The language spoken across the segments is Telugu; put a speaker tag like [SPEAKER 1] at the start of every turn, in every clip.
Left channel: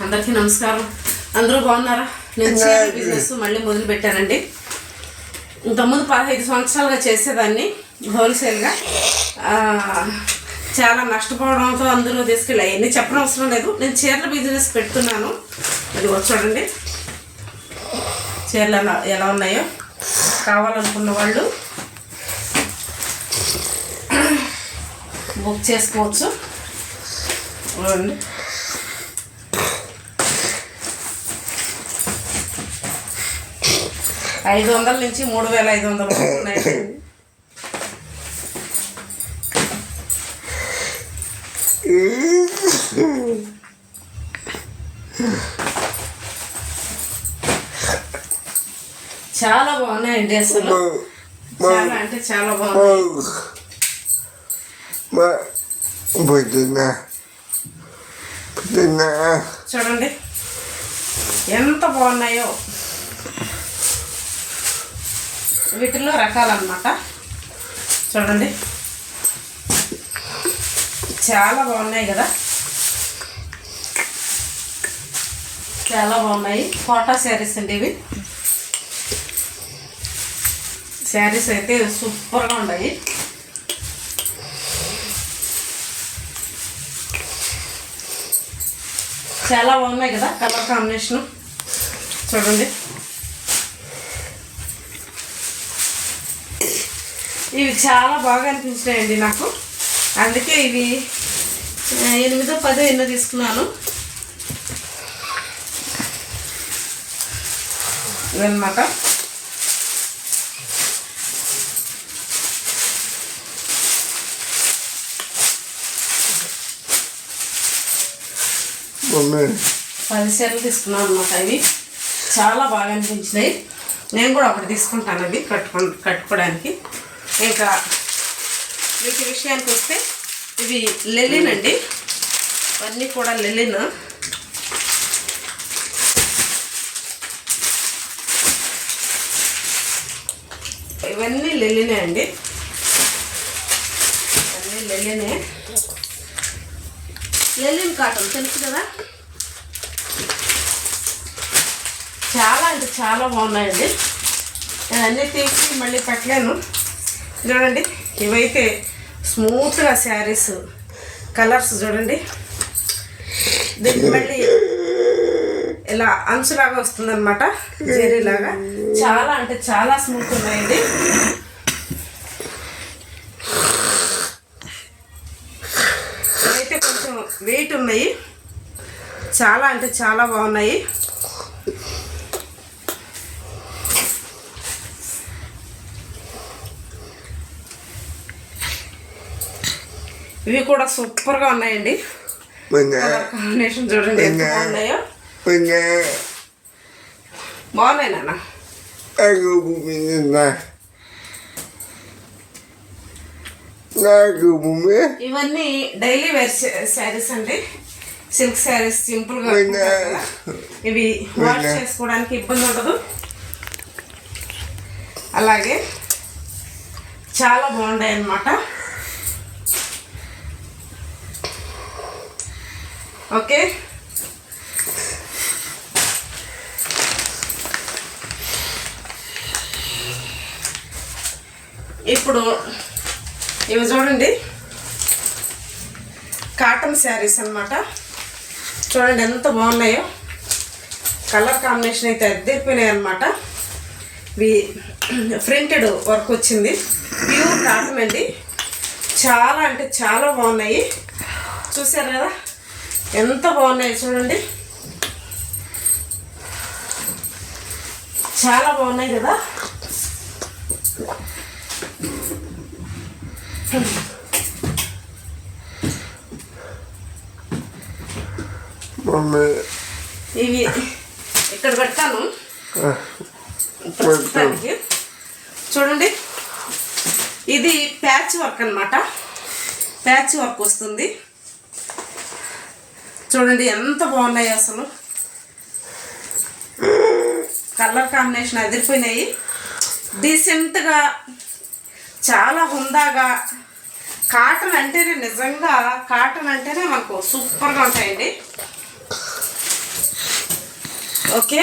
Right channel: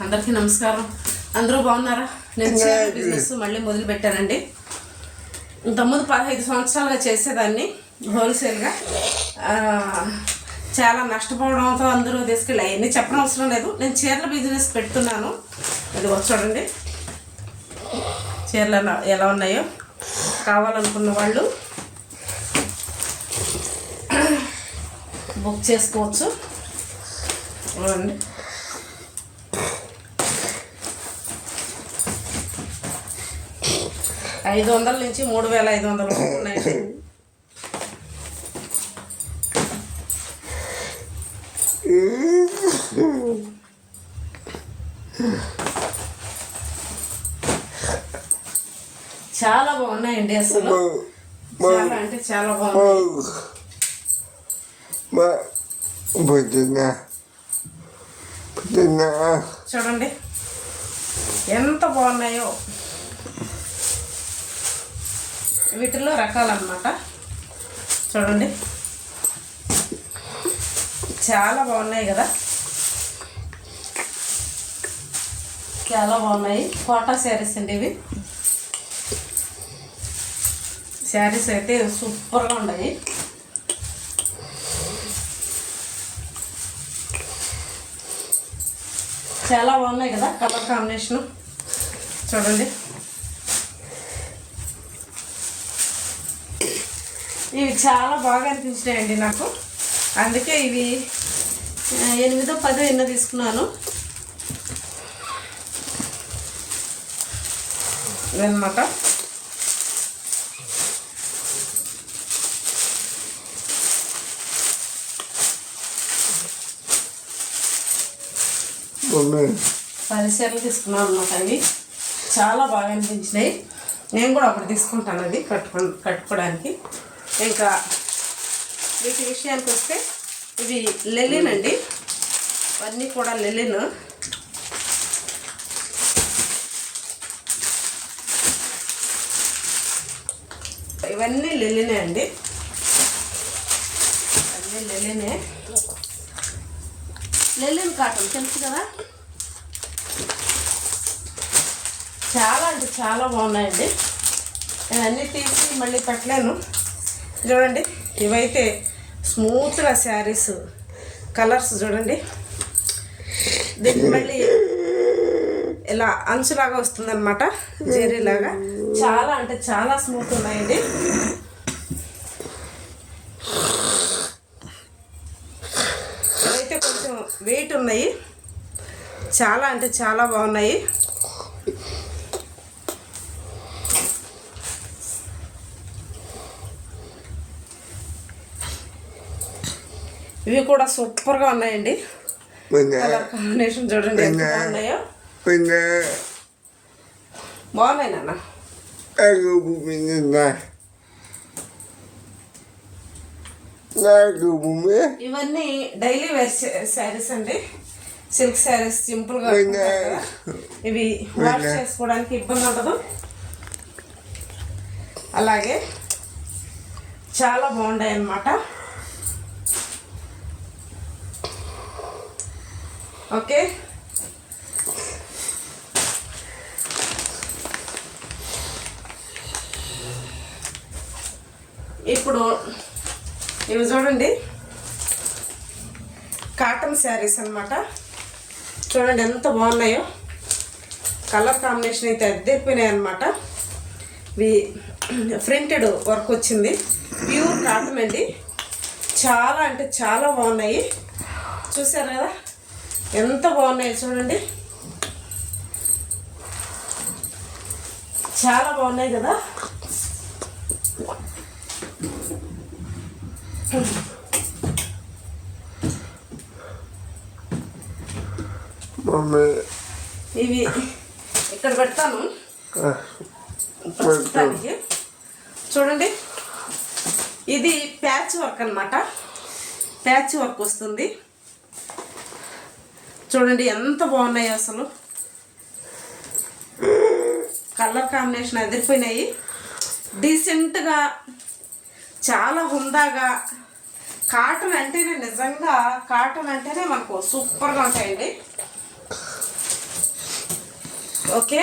[SPEAKER 1] అందరికీ నమస్కారం. అందరూ బాగున్నారా? నేను చీరల బిజినెస్ మళ్ళీ మొదలు పెట్టానండి. ఇంతకుముందు పదహైదు సంవత్సరాలుగా చేసేదాన్ని హోల్సేల్గా. చాలా నష్టపోవడంతో అందరూ తీసుకెళ్ళి అవన్నీ చెప్పడం అవసరం లేదు. నేను చీరల బిజినెస్ పెడుతున్నాను. అది చూడండి. చీరలు ఎలా- ఎలా ఉన్నాయో కావాలనుకున్న వాళ్ళు బుక్ చేసుకోవచ్చు. ఐదు వందల నుంచి మూడు వేల ఐదు వందల ఉన్నాయి. చాలా బాగున్నాయండి అసలు. చాలా అంటే చాలా బాగున్నాయి. చూడండి. ఎంత బాగున్నాయో. వీటిలో రకాలన్నమాట. చూడండి. చాలా బాగున్నాయి కదా. చాలా బాగున్నాయి. కోటా శారీస్ అండి ఇవి. శారీస్ అయితే సూపర్గా ఉన్నాయి. చాలా బాగున్నాయి కదా కలర్ కాంబినేషన్. చూడండి. ఇవి చాలా బాగా అనిపించినాయండి నాకు. అందుకే ఇవి ఎనిమిదో పదో ఎన్నో తీసుకున్నాను. ఇవన్నమాట.
[SPEAKER 2] మమ్మీ
[SPEAKER 1] పది చీరలు తీసుకున్నాను అనమాట ఇవి. చాలా బాగా అనిపించినాయి. నేను కూడా ఒకటి తీసుకుంటాను అది కట్టుకో కట్టుకోవడానికి. ఇంకా వీటి విషయానికి వస్తే ఇవి లెలిన్ అండి. అన్నీ కూడా లెలిన్ ఇవన్నీ లెలినే అండి. ఇవన్నీ లెలినే లెలిన్ కాటన్ తెలుసు కదా? చాలా అంటే చాలా బాగున్నాయండి. నేను అన్నీ తీసి మళ్ళీ పెట్టలేను. చూడండి ఇవైతే స్మూత్గా శారీస్ కలర్స్ చూడండి. దీనికి మళ్ళీ ఇలా అంచులాగా వస్తుందన్నమాట జెరీలాగా. చాలా అంటే చాలా స్మూత్ ఉన్నాయండి. ఇవైతే కొంచెం వెయిట్ ఉన్నాయి. చాలా అంటే చాలా బాగున్నాయి. ఇవి కూడా సూపర్గా ఉన్నాయండి. కలర్ కాంబినేషన్ చూడండి ఎంత బాగున్నాయో. బాగున్నాయి నాన్న.
[SPEAKER 2] నాకు
[SPEAKER 1] ఇవన్నీ డైలీ వేర్ శారీస్ అండి. సిల్క్ శారీస్ సింపుల్గా
[SPEAKER 2] పోయినా.
[SPEAKER 1] ఉంటాయి కదా. ఇవి వాష్ చేసుకోవడానికి ఇబ్బంది ఉండదు. అలాగే చాలా బాగున్నాయి అన్నమాట ఓకే? ఇప్పుడు ఇవి చూడండి. కాటన్ శారీస్ అనమాట చూడండి ఎంత బాగున్నాయో. కలర్ కాంబినేషన్ అయితే అద్దెపోయినాయి అనమాట ఇవి ప్రింటెడ్ వర్క్ వచ్చింది. ప్యూర్ కాటన్ అండి. చాలా అంటే చాలా బాగున్నాయి. చూసారు కదా? ఎంత బాగున్నాయి చూడండి. చాలా బాగున్నాయి కదా. ఇవి ఇక్కడ పెడతాను. ప్రస్తుతానికి. చూడండి. ఇది ప్యాచ్ వర్క్ అన్నమాట. ప్యాచ్ వర్క్ వస్తుంది. చూడండి ఎంత బాగున్నాయి అసలు. కలర్ కాంబినేషన్ అదిరిపోయినాయి. డీసెంట్గా చాలా హుందాగా కాటన్ అంటేనే నిజంగా కాటన్ అంటేనే మనకు సూపర్గా ఉంటాయండి. ఓకే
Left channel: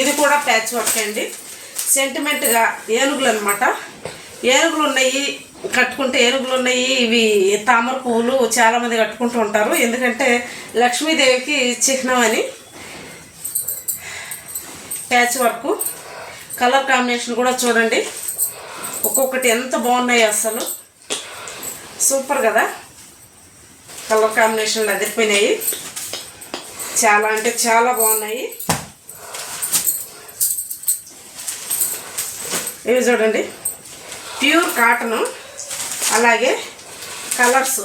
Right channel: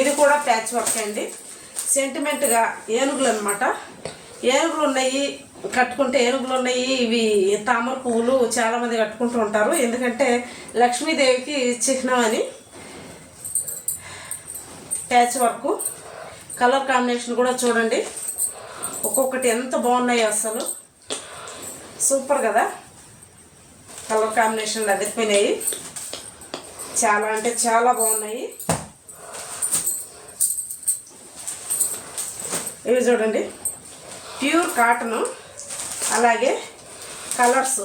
[SPEAKER 1] ఇది కూడా ప్యాచ్ వర్క్ అండి. సెంటిమెంట్గా ఏనుగులు అనమాట ఏనుగులు ఉన్నాయి. కట్టుకుంటే ఏనుగులు ఉన్నాయి ఇవి తామర పువ్వులు చాలామంది కట్టుకుంటూ ఉంటారు. ఎందుకంటే లక్ష్మీదేవికి చిహ్నం అని ప్యాచ్ వర్క్. కలర్ కాంబినేషన్ కూడా చూడండి. ఒక్కొక్కటి ఎంత బాగున్నాయి అసలు. సూపర్ కదా? కలర్ కాంబినేషన్లు అదిరిపోయినాయి. చాలా అంటే చాలా బాగున్నాయి. ఇవి చూడండి. Pure cotton. అలాగే కలర్స్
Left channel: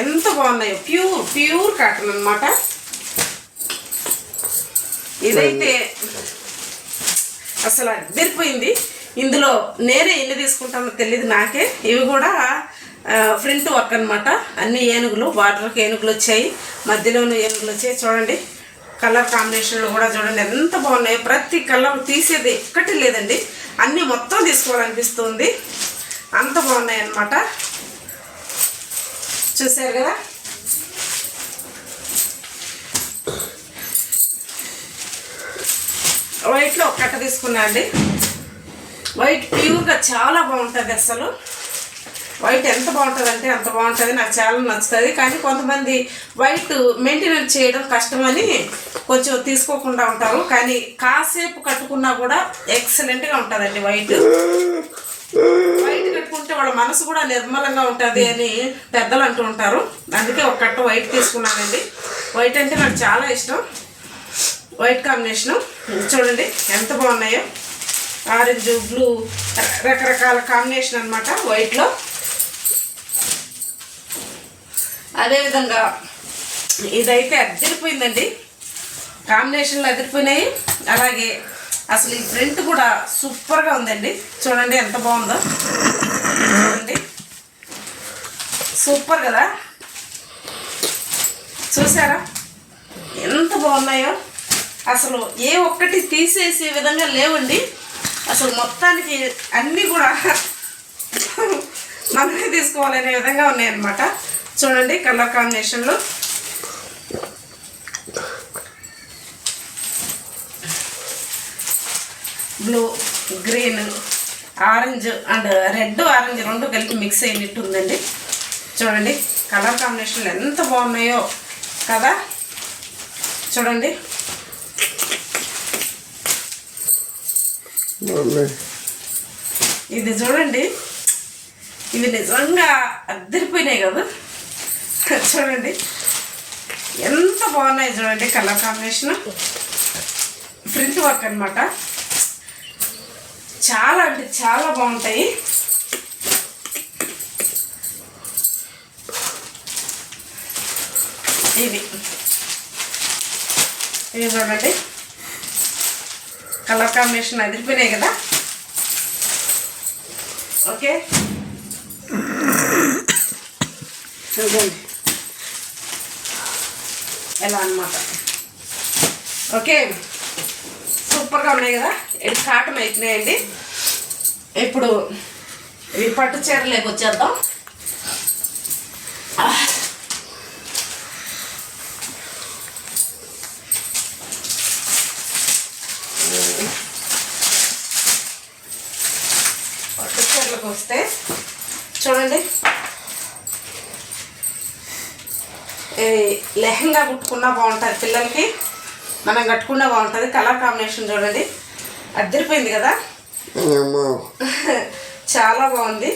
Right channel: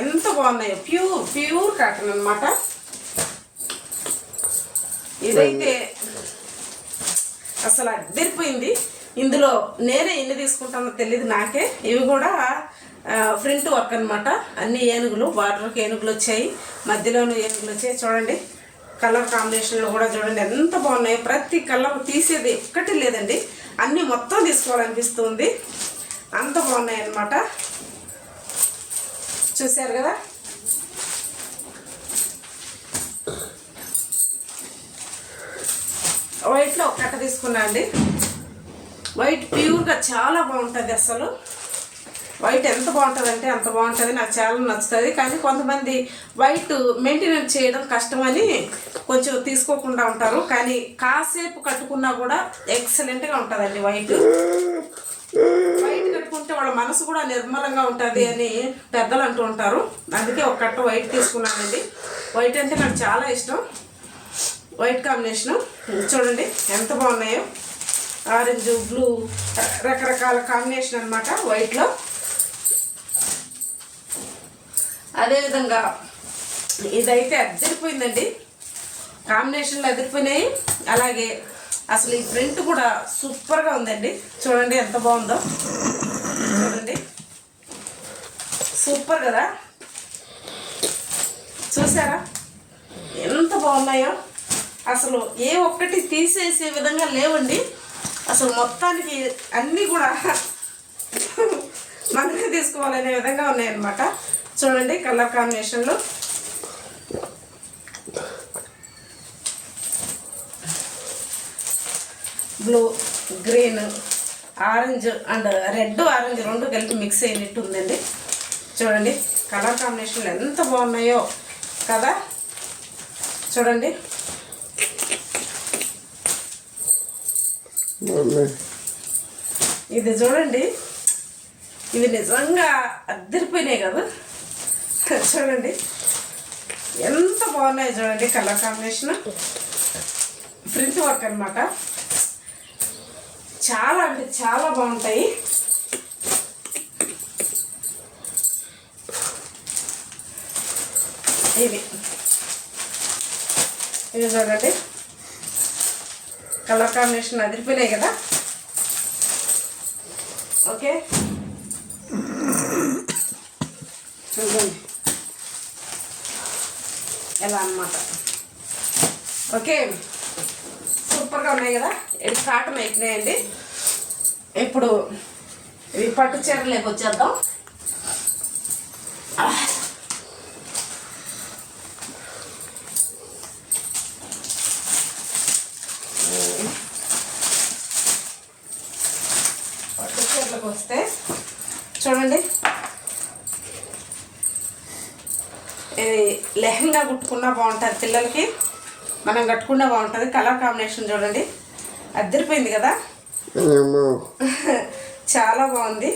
[SPEAKER 1] ఎంత బాగున్నాయో ప్యూర్ ప్యూర్ కాటన్ అనమాట ఇదైతే అసలు అద్దరిపోయింది. ఇందులో నేనే ఎన్ని తీసుకుంటానో తెలియదు నాకే. ఇవి కూడా ఫ్రంట్ వర్క్ అనమాట అన్ని ఏనుగులు బార్డర్కి ఏనుగులు వచ్చాయి. మధ్యలోనూ ఏనుగులు వచ్చాయి. చూడండి కలర్ కాంబినేషన్లో కూడా చూడండి ఎంత బాగున్నాయి. ప్రతి కలర్ తీసేది ఒక్కటి లేదండి. అన్నీ మొత్తం తీసుకోవాలనిపిస్తుంది. అంత బాగున్నాయి అన్నమాట చూశారు కదా వైట్లో ఒక కట్ట తీసుకున్నా అండి. వైట్ ప్యూర్గా చాలా బాగుంటుంది అసలు. వైట్ ఎంత బాగుంటుంది అంటే అంత బాగుంటుంది. నాకు చాలా నచ్చుతుంది. కానీ కొంతమంది వైట్ మెయింటెనెన్స్ చేయడం కష్టమని కొంచెం తీసుకోకుండా ఉంటారు. కానీ కాసేపు కట్టుకున్నా కూడా ఎక్సలెంట్గా ఉంటుందండి వైట్ పెట్టుకుంటే వాళ్ళ మనసు కూడా నిర్మలంగా ఉంటుంది అని పెద్దలు అంటూ ఉంటారు. అందుకే ఒక కట్ట వైట్ తీసుకున్నానండి. వైట్ అంటే నాకు చాలా ఇష్టం. వైట్ కాంబినేషను చూడండి ఎంత బాగున్నాయో. ఆరెంజ్ బ్లూ రకరకాల కాంబినేషన్ అనమాట వైట్లో అదేవిధంగా ఇదైతే అద్దరిపోయిందండి. కాంబినేషన్లు అదిరిపోయినాయి. అలాగే అసలు ఈ ప్రింట్ కూడా సూపర్గా ఉందండి. చూడండి ఎంత బాగుందో. సూపర్ కదా? చూసారా? ఎంత బాగున్నాయో? అసలు ఏ ఒక్కటి తీసేసే విధంగా లేవండి. అసలు మొత్తానికి అన్నీ కూడా మనమే తీసుకోవాలనే విధంగా ఉన్నాయన్నమాట. చూడండి colour కాంబినేషన్లు. Blue green orange and red orange రెండు కలిపి మిక్స్ అయినట్టు ఉందండి చూడండి కలర్ కాంబినేషన్లు ఎంత బాగున్నాయో కదా? చూడండి. ఇది చూడండి. ఇవి నిజంగా అద్దరిపోయినాయి కదా? చూడండి. ఎంత బాగున్నాయి చూడండి కలర్ కాంబినేషన్. ప్రింట్ వర్క్ అనమాట చాలా అంటే చాలా బాగుంటాయి. ఇవి. ఇవి చూడండి. కలర్ కాంబినేషన్ అదిరిపోయినాయి కదా. ఓకే. చూడండి ఎలా అన్నమాట. ఓకే. సూపర్గా ఉన్నాయి కదా. ఇది కాటన్ అయిపోయినాయండి. ఇప్పుడు ఇవి పట్టు చీరలోకి వచ్చేద్దాం పట్టు చీరలకు వస్తే చూడండి ఈ లెహంగా కుట్టుకున్నా బాగుంటుంది. పిల్లలకి మనం కట్టుకున్నా బాగుంటుంది. కలర్ కాంబినేషన్ చూడండి. అద్దరిపోయింది కదా? చాలా బాగుంది.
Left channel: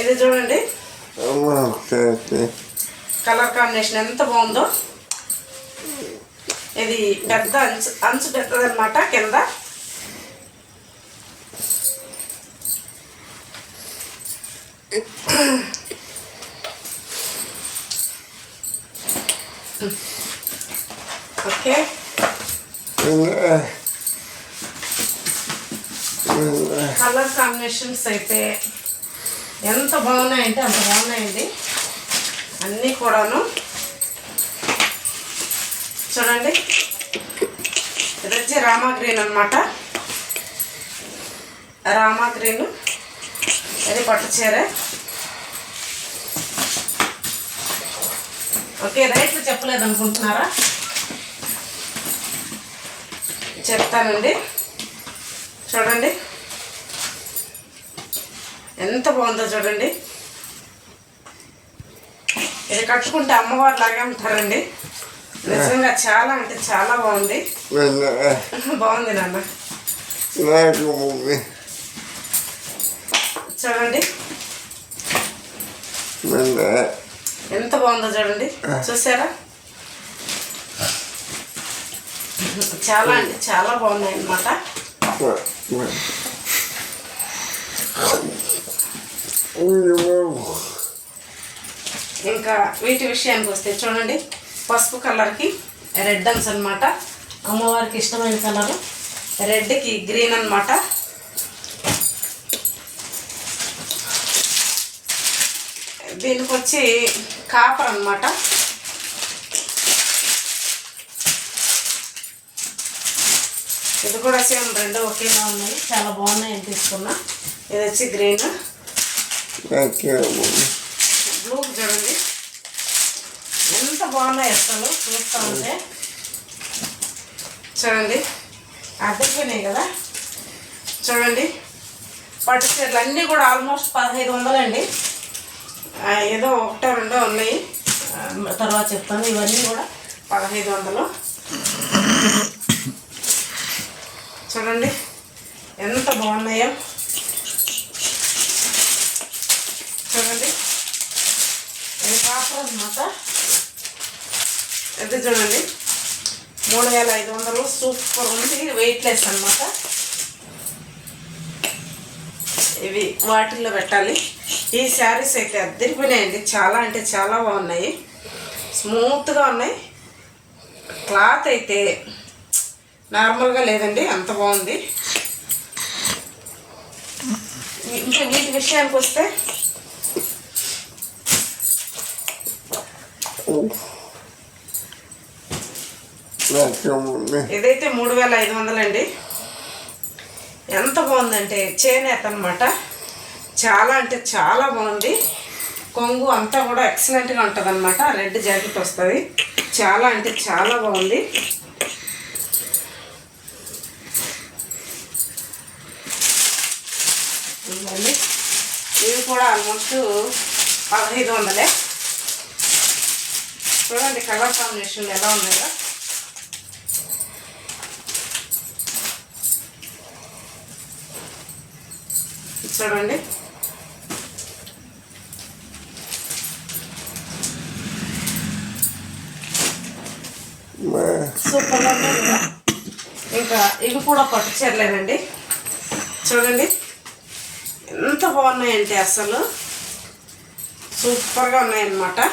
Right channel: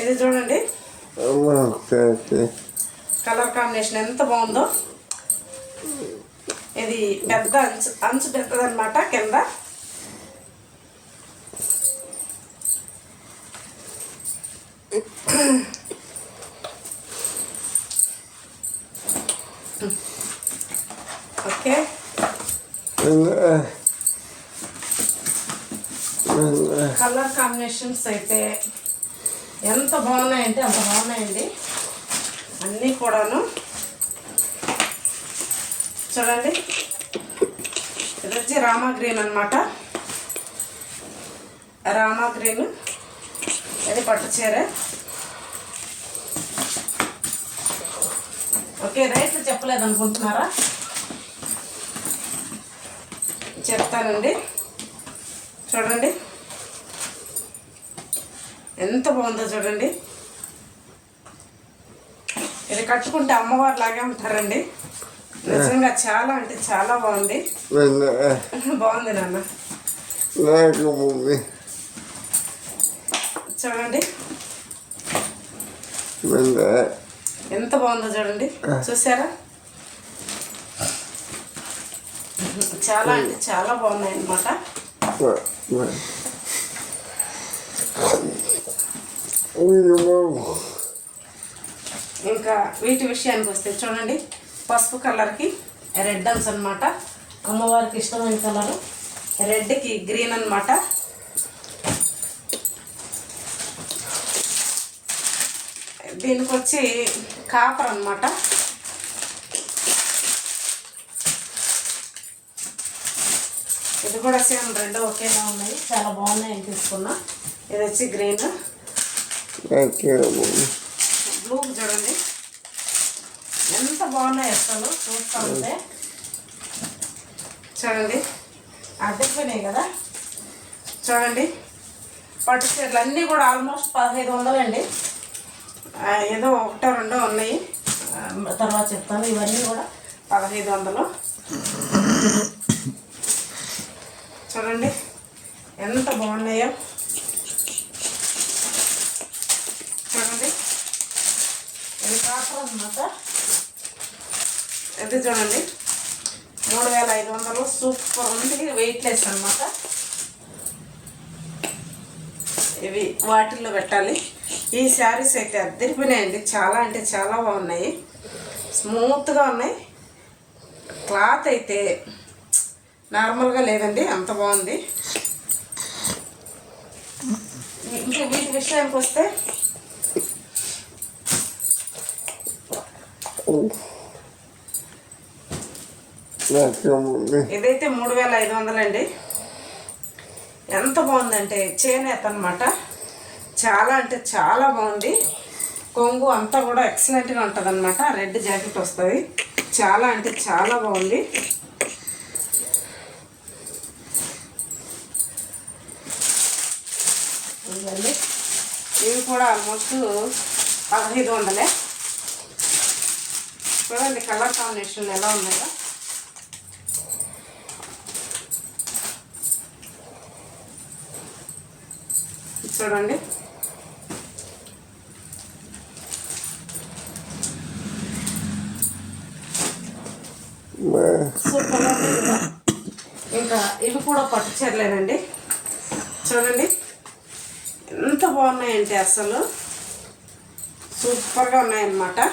[SPEAKER 1] ఇది చూడండి. కలర్ కాంబినేషన్ ఎంత బాగుందో. ఇది పెద్ద అంచు అంచు పెద్దదన్నమాట కింద. కలర్ కాంబినేషన్స్ అయితే ఎంత బాగున్నాయంటే అంత బాగున్నాయండి. అన్నీ కూడాను. చూడండి. ఇది వచ్చి రామా గ్రీన్ అనమాట రామా గ్రీన్. ఇది పట్టు చీర. ఓకే రేట్లు చెప్పలేదు అనుకుంటున్నారా చెప్తానండి. చూడండి. ఎంత బాగుందో చూడండి. ఇది కట్టుకుంటే అమ్మవారు లాగే ఉంటారండి. నిజంగా చాలా అంటే చాలా బాగుంది. బాగుంది నాన్న. చూడండి. ఎంత బాగుందో చూడండి. చూసారా? చాలా అంటే చాలా బాగున్నాయి అన్నమాట. ఇంకా వీటి విషయానికి వస్తే చూడండి పసుపు కలర్కి రెడ్ అన్స్ అనమాట అమ్మవారికి ఇష్టమైన కలర్ రెడ్కి గ్రీన్ అన్నమాట. దీనికి వచ్చి కాపర్ అనమాట ఇది కూడా సేమ్ రెండు ఒకేలా ఉన్నాయి. చాలా బాగున్నాయి అని తీసుకున్నా. ఇది వచ్చి గ్రీన్. బ్లూ చూడండి. ఎంత బాగున్నాయి అసలు. చూస్తూ ఉంటే చూడండి. అద్దెపోయినాయి కదా. చూడండి. పట్టు చీరలు అన్నీ కూడా ఆల్మోస్ట్ పదహైదు వందలండి. ఏదో ఒకటో రెండో ఉన్నాయి. తర్వాత చెప్తాను. ఇవన్నీ కూడా పదహైదు వందలు. చూడండి. ఎంత బాగున్నాయో. చూడండి. ఇది కాపురం అన్నమాట. ఇది చూడండి. మూడు వేల ఐదు వందలు. సూపర్ ఉంది. వెయిట్లెస్ అనమాట ఇవి వాటిల్లో పెట్టాలి. ఈ శారీస్ అయితే అద్దరిపోయినాయండి. చాలా అంటే చాలా బాగున్నాయి. స్మూత్గా ఉన్నాయి. క్లాత్ అయితే నార్మల్గా లేదండి అంత బాగుంది. ఇంకా వీటి విషయానికి వస్తే ఇదైతే మూడు వేల ఐదు వందలండి ఎంత బాగుందంటే చేనేత అనమాట చాలా అంటే చాలా బాగుంది. కొంగు అంతా కూడా ఎక్సలెంట్గా ఉంటుంది అనమాట రెడ్ జాకెట్ వస్తుంది. చాలా అంటే చాలా బాగుంది ఇవన్నీ ఇవి కూడా ఆల్మోస్ట్ పదహైదు వందలే. చూడండి కలర్ కాంబినేషన్ ఎలా ఉన్నాయో చూడండి. సూపర్ ఇంకా ఇవి కూడా పట్టు చీరలేనండి. చూడండి. ఎంత బాగున్నాయంటే అసలు. సూపర్గా ఉన్నాయన్నమాట.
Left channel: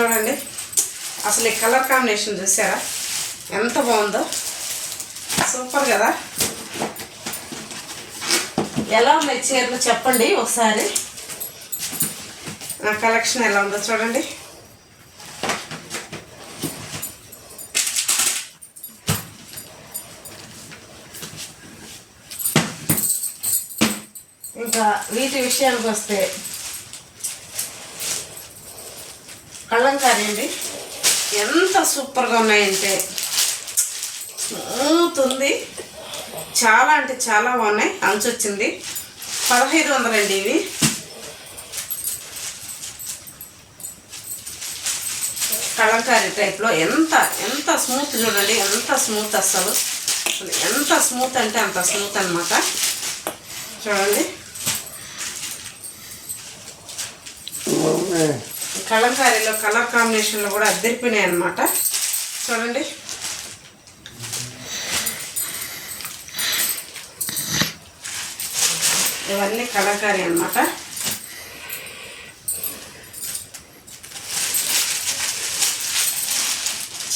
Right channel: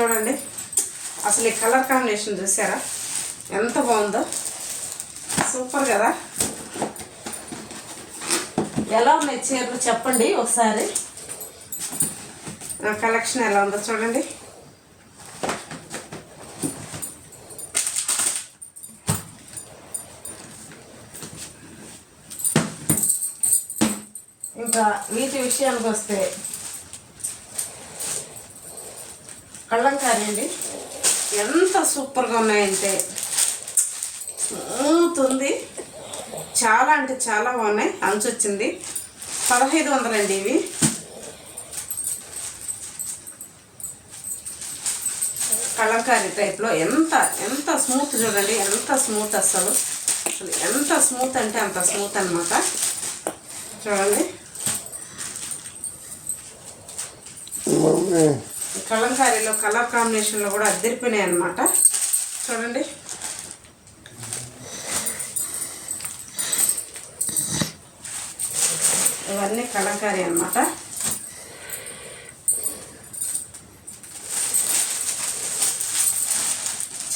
[SPEAKER 1] చూడండి అసలు ఈ కలర్ కాంబినేషన్ చూసారా? ఎంత బాగుందో. సూపర్ కదా. ఎలా ఉన్నాయి చీరలు చెప్పండి ఒకసారి. నా కలెక్షన్ ఎలా ఉందో చూడండి. నీటి వీటి విషయానికి వస్తే కళ్ళంకారీ అండి ఎంత సూపర్గా ఉన్నాయంటే స్మూత్ ఉంది చాలా అంటే చాలా బాగున్నాయి. అంచు వచ్చింది. పదహైదు వందలండి ఇవి. కళంకారీ టైప్లో ఎంత ఎంత స్మూత్ చూడండి. ఎంత స్మూత్ అసలు అసలు ఎంత స్మూత్ అంటే అంత స్మూత్ అనమాట చూడండి
[SPEAKER 2] మమ్మీ
[SPEAKER 1] ఈ కలంకారీలో కలర్ కాంబినేషన్లో కూడా అద్దరిపోయినాయి అనమాట చూడండి. ఇవన్నీ కలంకారీ అనమాట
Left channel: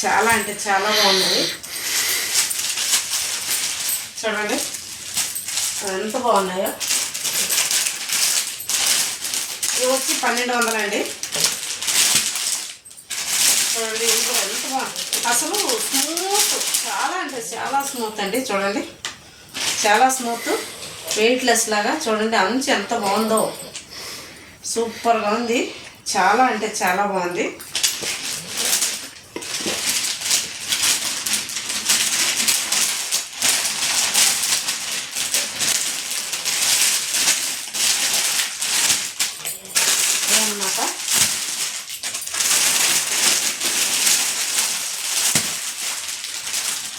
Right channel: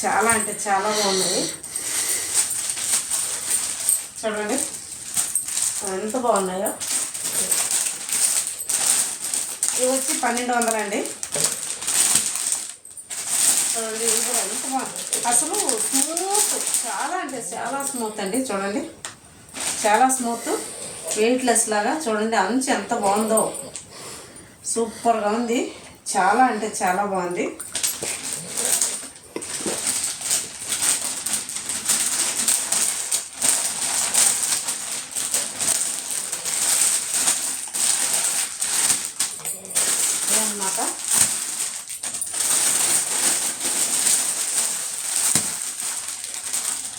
[SPEAKER 1] చాలా అంటే చాలా బాగున్నది చూడండి. అవి ఎంత బాగున్నాయో. ఇవి వచ్చి పన్నెండు వందలండి. చూడండి ఇది కూడా ఎంత బాగుంది. అసలు స్మూత్ చాలా అంటే చాలా స్మూత్ అండి చూడండి. చాలా స్మూత్ వెయిట్లెస్ లాగా చూడండి అంచు ఎంత బాగుందో. సూపర్గా ఉంది. చాలా అంటే చాలా బాగుంది అన్నమాట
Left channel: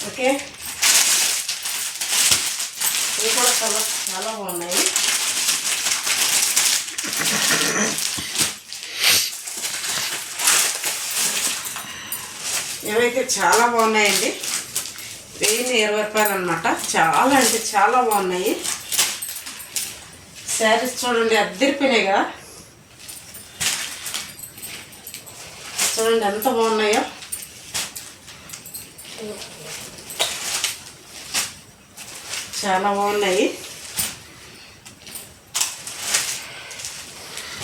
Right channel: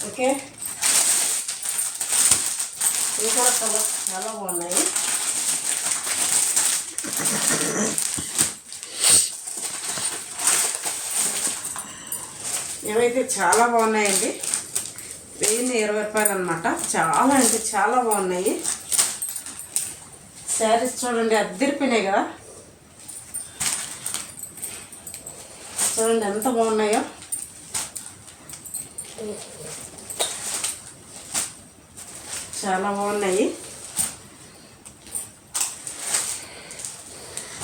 [SPEAKER 1] ఓకే ఇవి కూడా కలర్ చాలా బాగున్నాయి ఇవైతే చాలా బాగున్నాయండి. వెయ్యిన్ని ఇరవై రూపాయలు అనమాట చాలా అంటే చాలా బాగున్నాయి. శారీస్ చూడండి అద్దరిపోయినాయి కదా. చూడండి ఎంత బాగున్నాయో. చాలా బాగున్నాయి.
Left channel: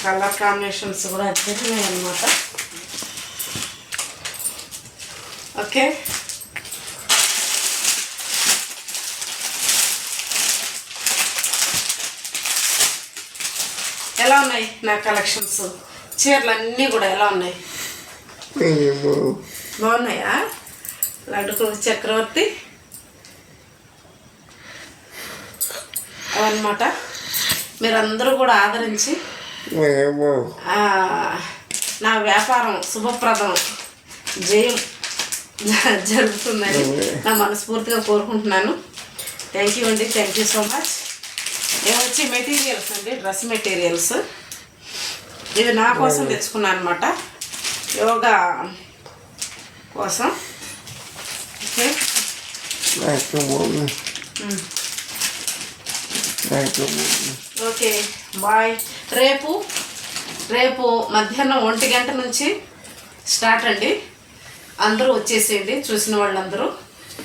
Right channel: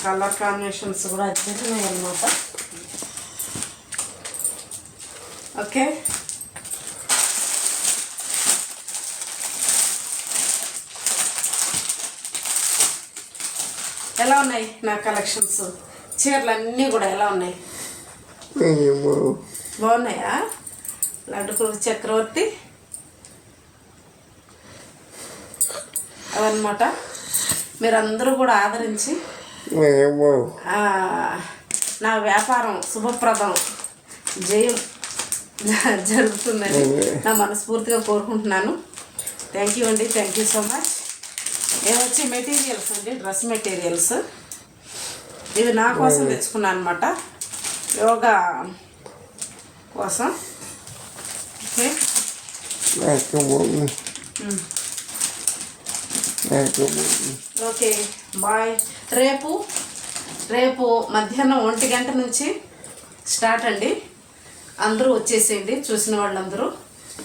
[SPEAKER 1] కలర్ కాంబినేషన్స్ కూడా అద్దరిపోయినాయి అనమాట ఓకే? ఎలా ఉన్నాయి నా కలెక్షన్స్? చీరలు అన్నీ కూడా ఎలా ఉన్నాయి? బాగున్నాయా? లడ్డు చక్రవర్తి? అవన్నమాట. మీరందరూ కూడా ఆదరించి నా వ్యాపారం శుభప్రదం. జయం. జరుగుతుందని నా మనస్ఫూర్తిగా కోరుకుంటున్నాను. థ్యాంక్ యూ అండి. థ్యాంక్ యూ సో మచ్ వచ్చి మెటీరియల్స్ అండి డ్రెస్ మెటీరియల్స్. ఇవి నా కోసం తెచ్చుకున్నాను అనమాట యోగా కోసం. ఓకే. ఓకే. బాయ్ రేపు రేపు మధ్యాహ్నం ఒంటి గంట నుంచి స్టార్ట్ అండి. అందరూ వచ్చేసేయండి. చూసిన వాళ్ళందరూ.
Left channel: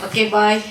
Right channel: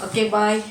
[SPEAKER 1] Okay bye.